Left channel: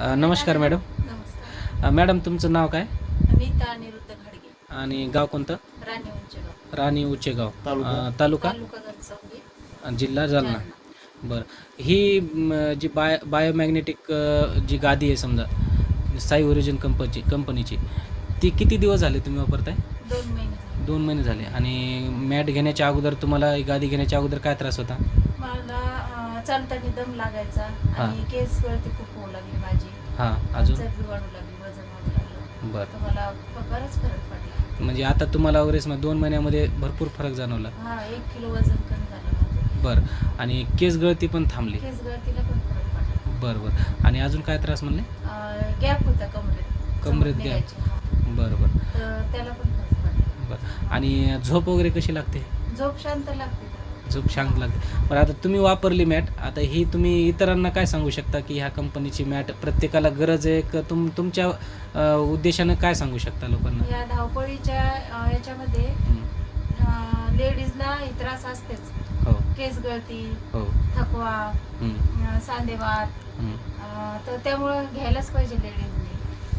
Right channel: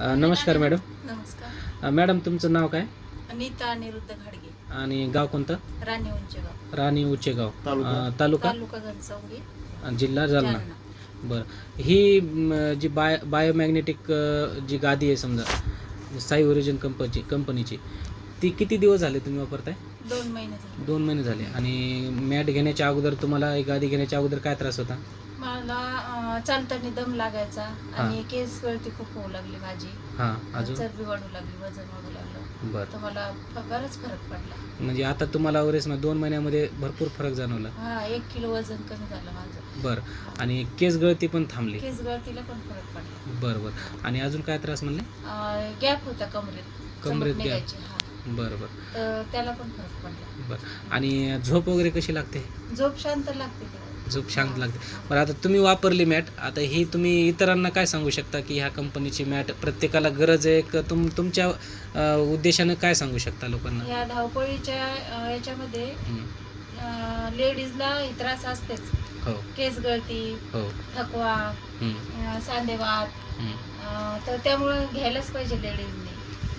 अ, नमस्कार मॅडम. नमस्कार. अ, मॅडम तुमचं नाव काय? अनिता अनिरुद्ध घाडगे. आणि गाव कोणतं? राणी उंचेगाव. राणी उचेगाव. अ, तालुका. जिल्हा जालना. जालना. बरं. ही म, जी बाय बायोमॅग्नेटिक अ, जी गादी आहे समजा साई ओरिजिन कंपनीची कंपनीची ती किती दिवस झाले तुम्ही वापरताय? दोन महिने झाले. दोन महिने झाले. आणि मॅट घेण्याच्या अगोदर तुम्हाला ही गादी घेण्याच्या अगोदर काय त्रास होता? मला चालताना दम लागायचा आणि केस गळती खूप होऊ लागली माझी. चरबी वाढू लागली वजन वाढू लागलं. बरं. तर मला बराच फरक पडला. म्हणजे आता तुम्हाला वगैरे दोन महिन्यामध्ये भरपूर फरक जाणवला. हा एक किलो वजन कमी झालं माझं. बरं. आणि केस गळती पण थांबली. केस गळतीला पण फरक पडला. बरं बरं. आणि अजून काय त्रास म्हणले? गॅप होता कमरेत. कमरेत हा. बरं बरं. तर त्याला पण फरक पडला. बरं. आणि झोप वगैरे कशी लागते? झोप शांत लागते. झोप शांत लागते. बरं आता तुम्ही वापरली मॅट आता ही तुम्ही इतरांना काय सांगू शकता की ह्या कंपनीची मॅट प्रत्येकाला गरज आहे? का तुम तुमच्या उद्देशाने काय सांगू शकता लोकांना? या धावपळीच्या याच्यामध्ये. लेडीजला त्रास असतेच. हो. केस गळती हो. थकवा सांधेवात तर त्यामुळं घ्यायलाच पाहिजे लेडीजने.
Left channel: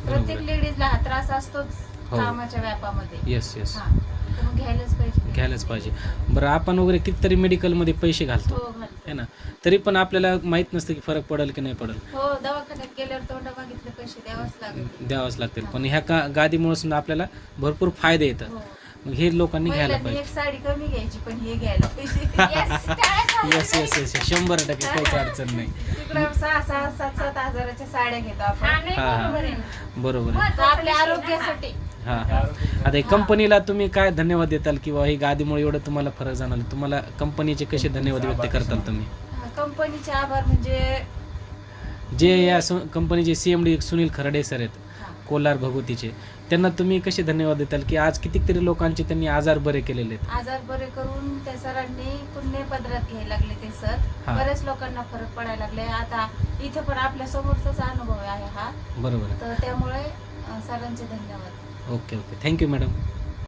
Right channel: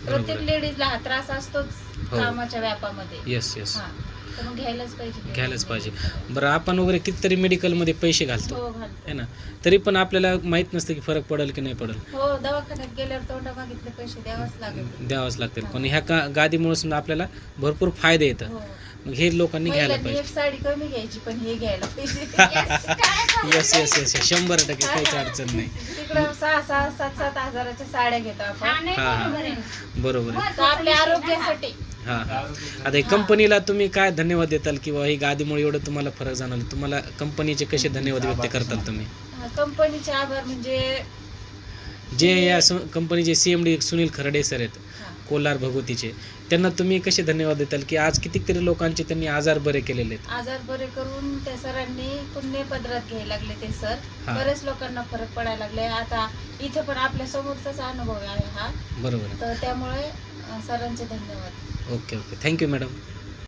प्रत्येक लेडीजला हा त्रास असतोच. हो. कामाच्या व्यापामध्ये. येस येस हा. तर मग घ्यायलाच पाहिजे घ्यायलाच पाहिजे. बरं आपण वगैरे कितीतरी मेडिकलमध्ये पैसे घालतो. हो घालतो. है ना? तरी पण आपल्याला माहीत नसतं की फरक पडेल की नाही पडेल. हो दवाखान्यात गेल्यावर तोंड मागितले पैसे द्यावाच लागेल. द्यावंच लागतील. पण ह्या का गादीमुळे समजा आपल्याला भरपूर फायदे येतात. हो. मग हे लोकांनी घ्यायला महिलांनी एक पाहिजे साडी कमी घ्यायची पण हे घ्यायला पाहिजे. येस येस येस शंभर टक्के काहीच अडचण नाही. तिकडं सहा सहा सात सात हजाराच्या साड्या घेतो आपण. हा हा बरोबर आहे आपल्या आरोग्यासाठी. हा हा. आता हे कंपनीला तुम्ही काय धन्यवाद देताल किंवा ही गादीमुळे एवढं तुम्हाला फरक जाणवला? तुम्हाला कंपनीचे कसे धन्यवाद व्यक्त करताल तुम्ही? कंपनीचे आभार म्हणजे जे या कंपनीचे C M D Sunil Kharade sir आहेत कोलार भगवतीचे त्यांना तुम्ही कसे धन्यवाद देताल की आज कितीतरी लोकांचे त्यांनी आजार बरे केलेले आहेत? आजार बरे करून त्या सरांनी पुण्य पदरात घ्यायला लागले ते सर. हा. बरेच लोकांना फरक पडायला लागले. आता इथं पण आपल्या समोरचाच अनुभव आहे हा. बरोबर. आहे तर त्यामुळे अं, सरांचे धन्यवाद. Okay okay. Thank you madam.